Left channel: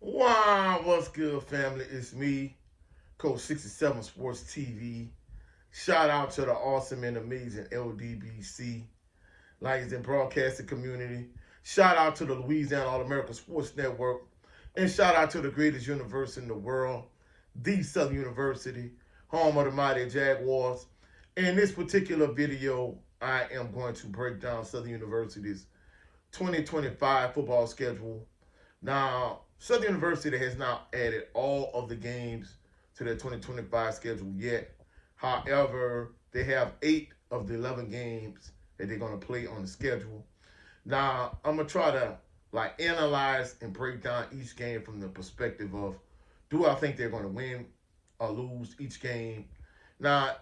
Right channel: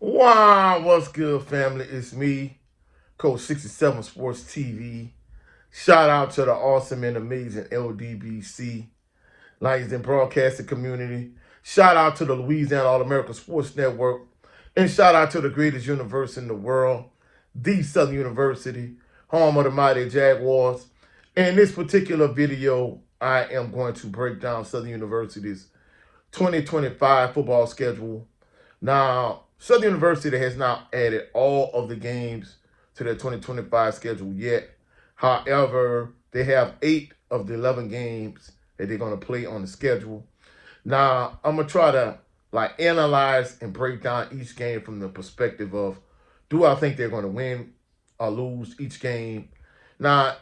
Wow, what's good, family? It's me, Coach 67 Sports TV. Shout out to the awesome and amazing LDBC, Lions and Broadcasting Community. Shout out to the Louisiana All American Sports Network. And shout out to the greatest university in the world, the Southern University, home of the mighty Jaguars. In this particular video, I am going to break down Southern University's 2025 football schedule. Now, Southern University has not added all of the games to their 2025 schedule yet. However, they have 8 of the 11 games that they're going to play on the schedule. Now, I'm going to try to analyze and break down each game from the perspective of, do I think they're going to win or lose each game? Now,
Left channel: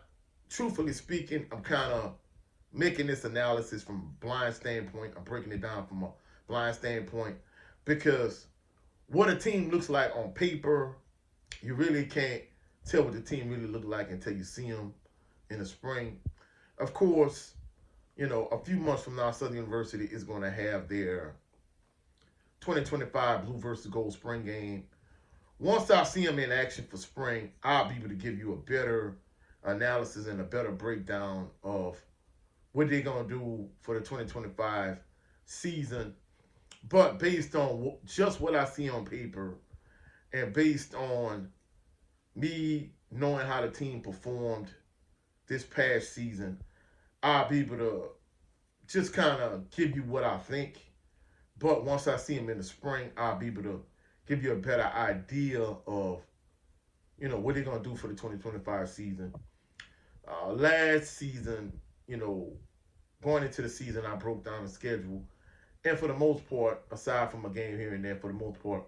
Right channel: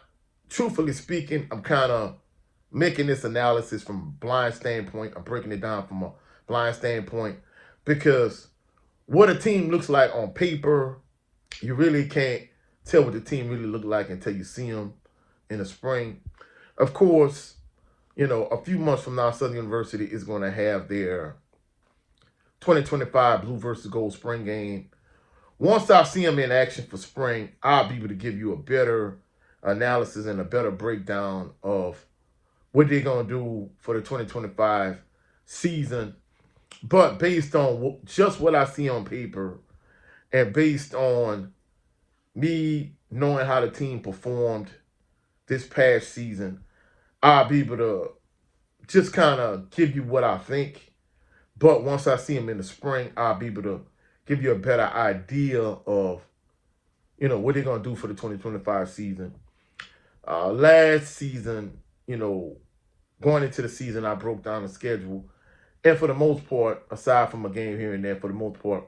truthfully speaking, I'm kind of making this analysis from a blind standpoint. I'm breaking it down from a blind standpoint because what a team looks like on paper, you really can't tell what the team really look like until you see them in the spring. Of course, a few months from now, Southern University is going to have their 2025 Blue versus Gold spring game. Once I see them in action for spring, I'll be able to give you a better analysis and a better breakdown of what they're going to do for the 2025 season. But based on just what I see on paper and based on me knowing how the team performed this past season, I'll be able to just kind of give you what I think. But once I see them in the spring, I'll be able to give you a better idea of, what they're going to do for the 2025 season. Last season, going into the season, I broke down the schedule. And for the most part, aside from a game here and there, for the most part,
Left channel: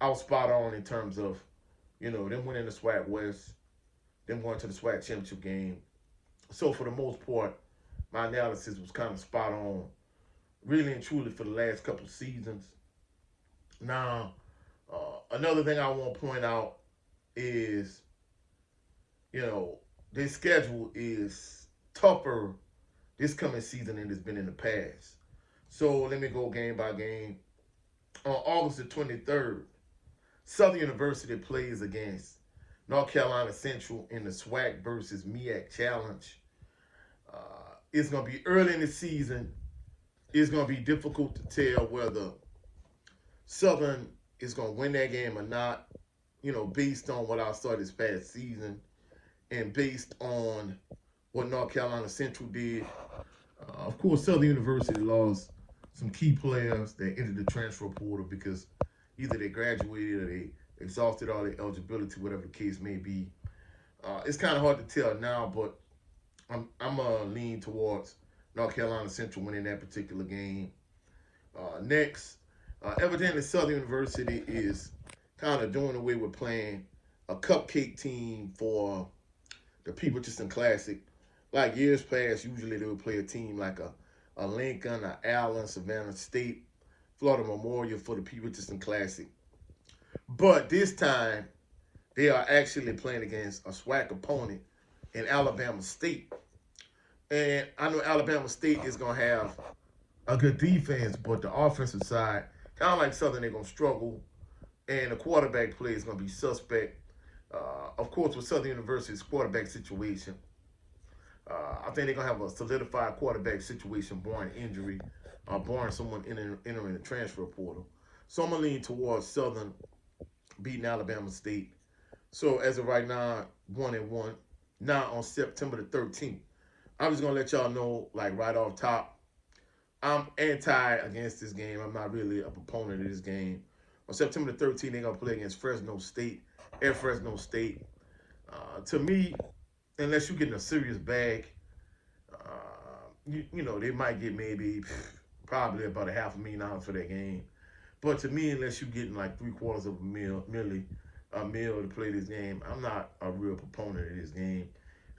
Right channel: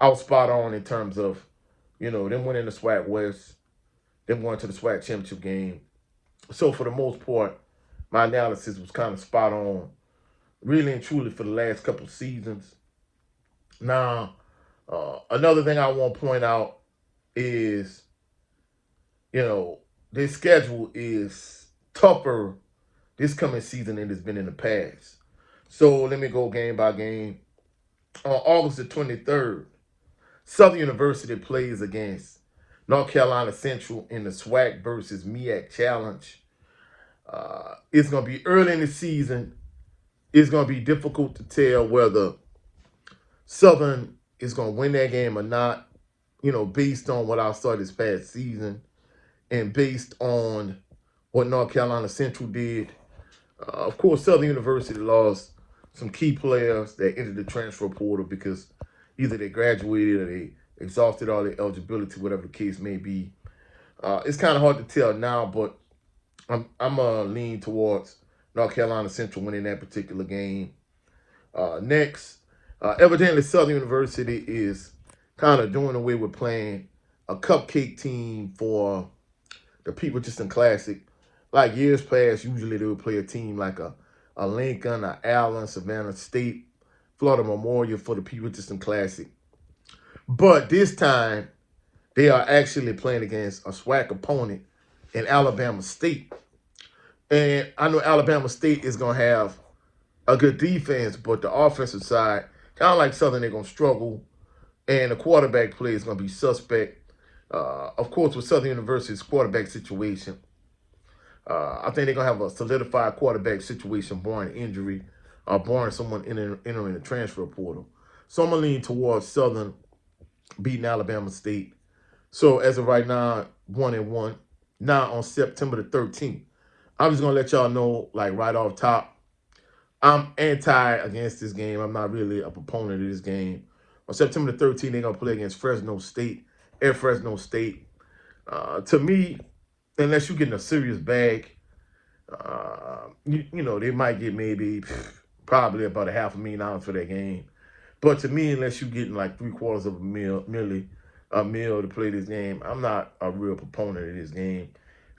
I was spot on in terms of, them winning the SWAC West, them going to the SWAC championship game. So for the most part, my analysis was kind of spot on, really and truly for the last couple of seasons. Now, another thing I want to point out is, their schedule is tougher this coming season than it's been in the past. So let me go game by game. On August the 23rd, Southern University plays against North Carolina Central in the SWAC versus MEAC Challenge. It's going to be early in the season. It's going to be difficult to tell whether Southern is going to win that game or not, based on what I saw this past season and based on what North Carolina Central did. Of course, Southern University lost some key players that entered the transfer portal because either they graduated or they exhausted all their eligibility, whatever the case may be. It's kind of hard to tell now, but I'm going to lean towards North Carolina Central winning that particular game. Next, evidently Southern University is kind of doing away with playing a cupcake team for the Pete Richardson Classic. Like years past, usually they would play a team like a Lincoln, a Allen, Savannah State, Florida Memorial for the Pete Richardson Classic. But this time, they are actually playing against a SWAC opponent in Alabama State. And I know Alabama State is going to have a good defense, but the offensive side, kind of like Southern, they're going to struggle. And the quarterback play is going to be suspect. Of course, with Southern University's quarterback situation, I think they're going to have a solidified quarterback situation barring injury or barring someone entering the transfer portal. So I'm going to lean towards Southern beating Alabama State. So as of right now, 1-1. Now on September the 13th, I'm just going to let y'all know, right off top, I'm anti against this game. I'm not really a proponent of this game. On September the 13th, they're going to play against Fresno State at Fresno State. To me, unless you're getting a serious bag, they might get probably about $500,000 for that game. But to me, unless you're getting like $750,000 a meal to play this game, I'm not a real proponent of this game.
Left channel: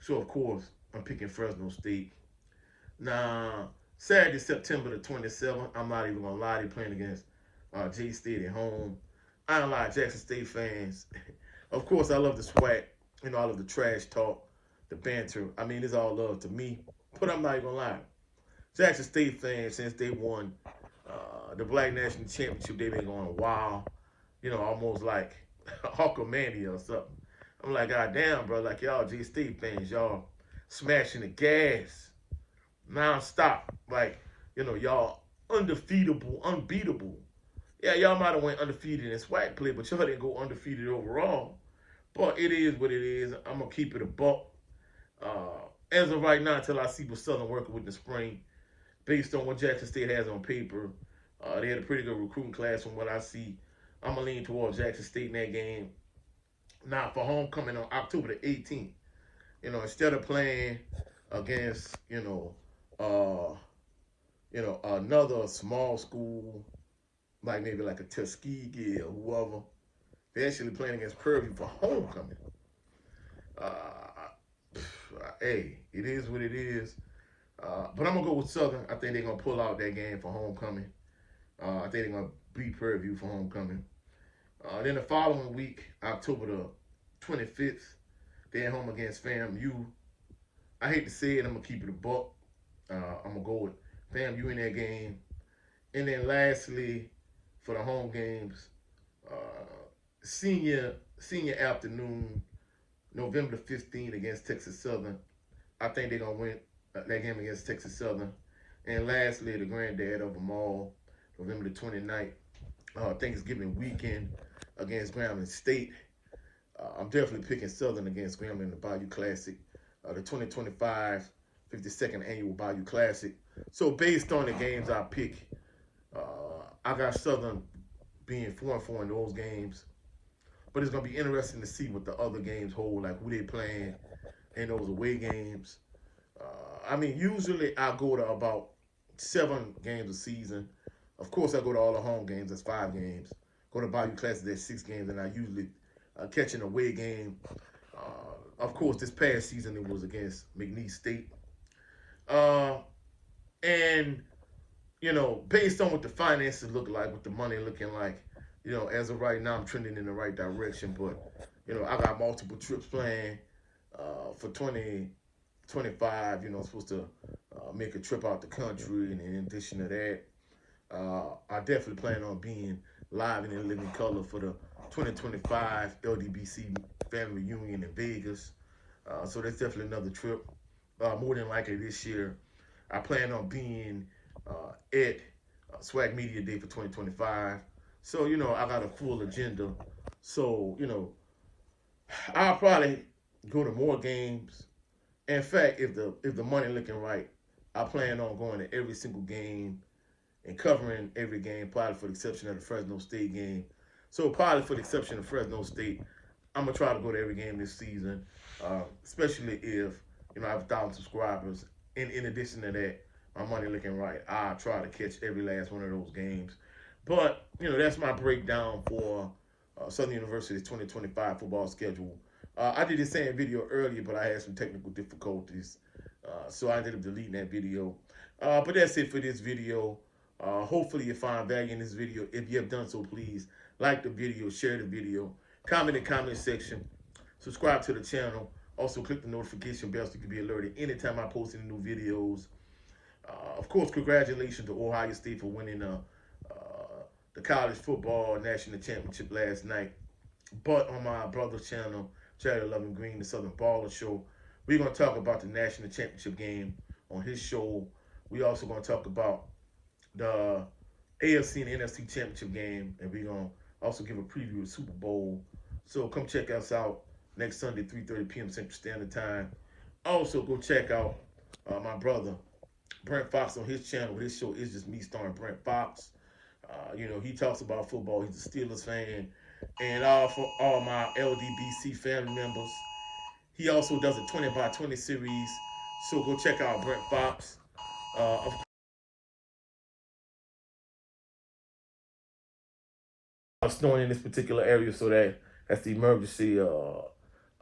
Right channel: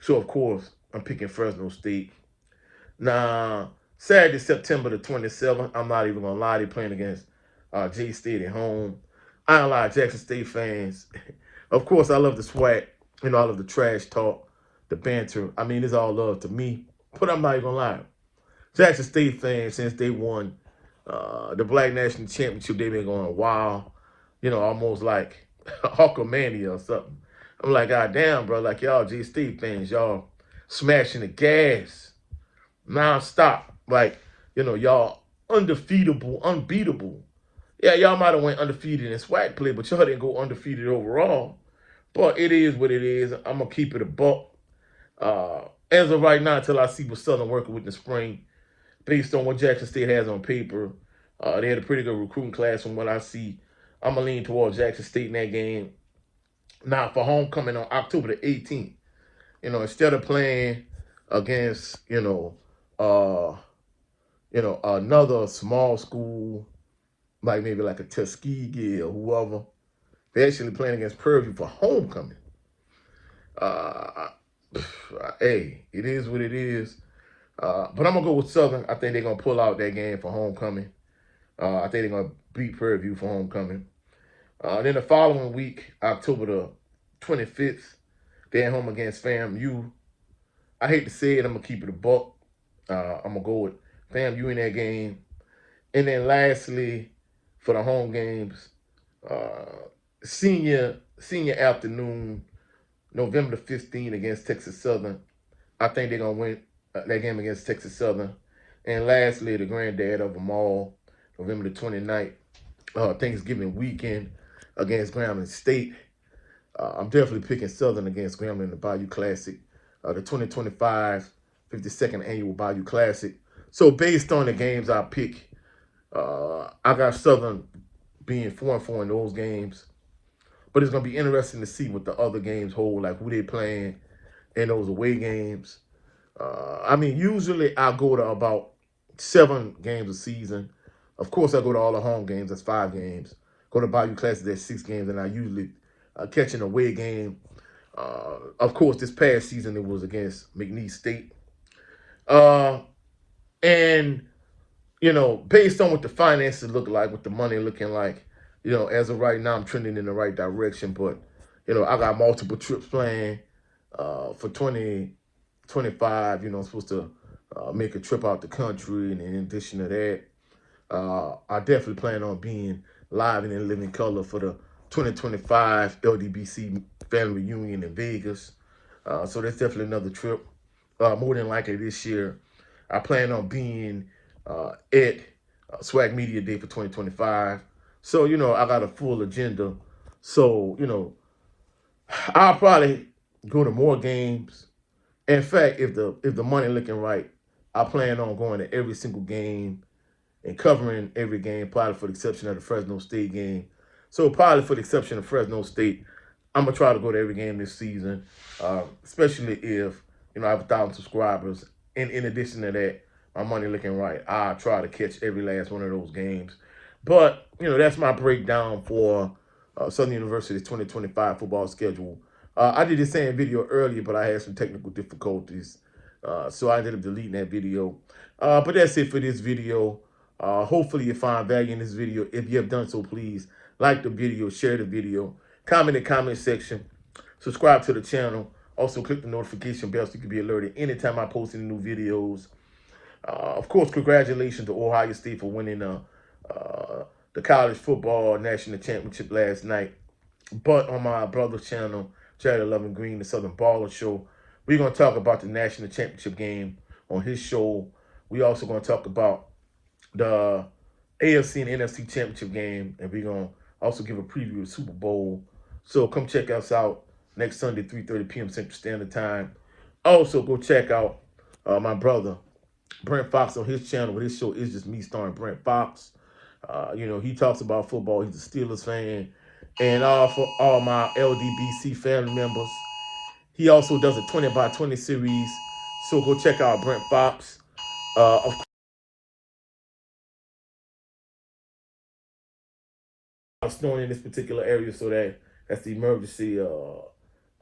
So of course, I'm picking Fresno State. Now, Saturday, September the 27th, I'm not even gonna lie, they're playing against J-State at home. I don't lie, Jackson State fans. Of course, I love the SWAC. I love the trash talk, the banter. I mean, it's all love to me. But I'm not even gonna lie. Jackson State fans, since they won the Black National Championship, they've been going wild. almost like Hulkamania or something. I'm like, God damn, bro, like y'all G-Steve fans, y'all smashing the gas non-stop. Like, y'all undefeatable, unbeatable. Yeah, y'all might have went undefeated in SWAC play, but y'all didn't go undefeated overall. But it is what it is. I'm going to keep it a buck. As of right now, until I see what Southern working with in the spring, based on what Jackson State has on paper, they had a pretty good recruiting class from what I see. I'm going to lean towards Jackson State in that game. Now, for homecoming on October the 18th, instead of playing against, another small school, like maybe like a Tuskegee or whoever, they're actually playing against Prairie View for homecoming. Hey, it is what it is. But I'm going to go with Southern. I think they're going to pull out that game for homecoming. I think they're going to beat Prairie View for homecoming. Then the following week, October the 25th, they're at home against FAMU. I hate to say it, I'm going to keep it a buck. I'm going to go with FAMU in that game. And then lastly, for the home games, senior afternoon, November the 15th against Texas Southern. I think they're going to win that game against Texas Southern. And lastly, the granddad of them all, November the 29th, Thanksgiving weekend against Grambling State. I'm definitely picking Southern against Grambling in the Bayou Classic, the 2025 52nd Annual Bayou Classic. So based on the games I pick, I got Southern being 4-4 in those games. But it's going to be interesting to see what the other games hold, like who they playing in those away games. Usually I go to about 7 games a season. Of course, I go to all the home games. That's 5 games. Go to Bayou Classic, that's 6 games. And I usually catch an away game. Of course, this past season it was against McNeese State. And based on what the finances look like, what the money looking like, as of right now, I'm trending in the right direction. But, I got multiple trips planned for 2025. I'm supposed to make a trip out the country. And in addition to that, I definitely plan on being live and in living color for the 2025 LDBC family reunion in Vegas. So that's definitely another trip. More than likely this year, I plan on being at Swag Media Day for 2025. So, I got a full agenda. So, I'll probably go to more games. In fact, if the money looking right, I plan on going to every single game and covering every game, probably for the exception of the Fresno State game. So probably for the exception of Fresno State, I'm going to try to go to every game this season, especially if, I have 1,000 subscribers. And in addition to that, my money looking right, I'll try to catch every last one of those games. But, that's my breakdown for Southern University's 2025 football schedule. I did the same video earlier, but I had some technical difficulties. So I ended up deleting that video. But that's it for this video. Hopefully you find value in this video. If you have done so, please like the video, share the video, comment in the comment section, subscribe to the channel. Also, click the notification bell so you can be alerted anytime I post any new videos. Of course, congratulations to Ohio State for winning the college football national championship last night. But on my brother's channel, Charlie Loving Green, the Southern Baller Show, we're going to talk about the national championship game on his show. We also going to talk about the AFC and NFC championship game, and we're going to also give a preview of Super Bowl. So come check us out next Sunday, 3:30 p.m. Central Standard Time. Also, go check out my brother, Brent Fox, on his channel, where his show is just me starring Brent Fox. He talks about football. He's a Steelers fan. And for all my LDBC family members, he also does a 20 by 20 series. So go check out Brent Fox. Of course, snowing in this particular area, so that's the emergency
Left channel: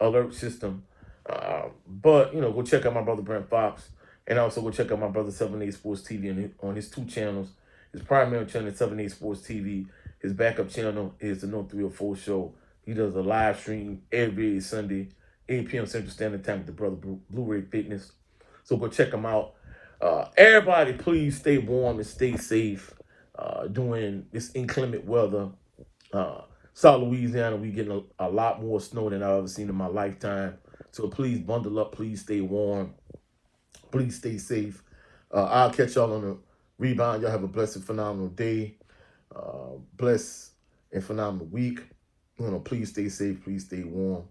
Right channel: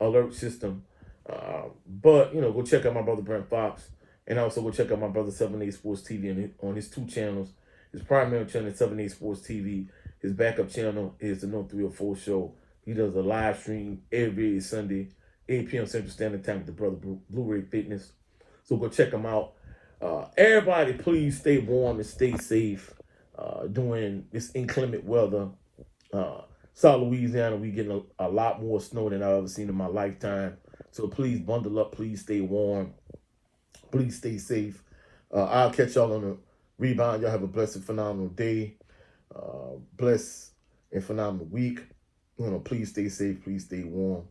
alert system. But go check out my brother Brent Fox, and also go check out my brother 78 Sports TV on his 2 channels. His primary channel is 78 Sports TV. His backup channel is the No 304 Show. He does a live stream every Sunday, 8 p.m. Central Standard Time with the brother Blu-ray Fitness. So go check him out. Everybody, please stay warm and stay safe during this inclement weather. South Louisiana, we getting a lot more snow than I've ever seen in my lifetime. So please bundle up. Please stay warm. Please stay safe. I'll catch y'all on the rebound. Y'all have a blessed, phenomenal day. Blessed and phenomenal week. Please stay safe. Please stay warm.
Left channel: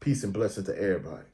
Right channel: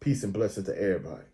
Peace and blessing to everybody.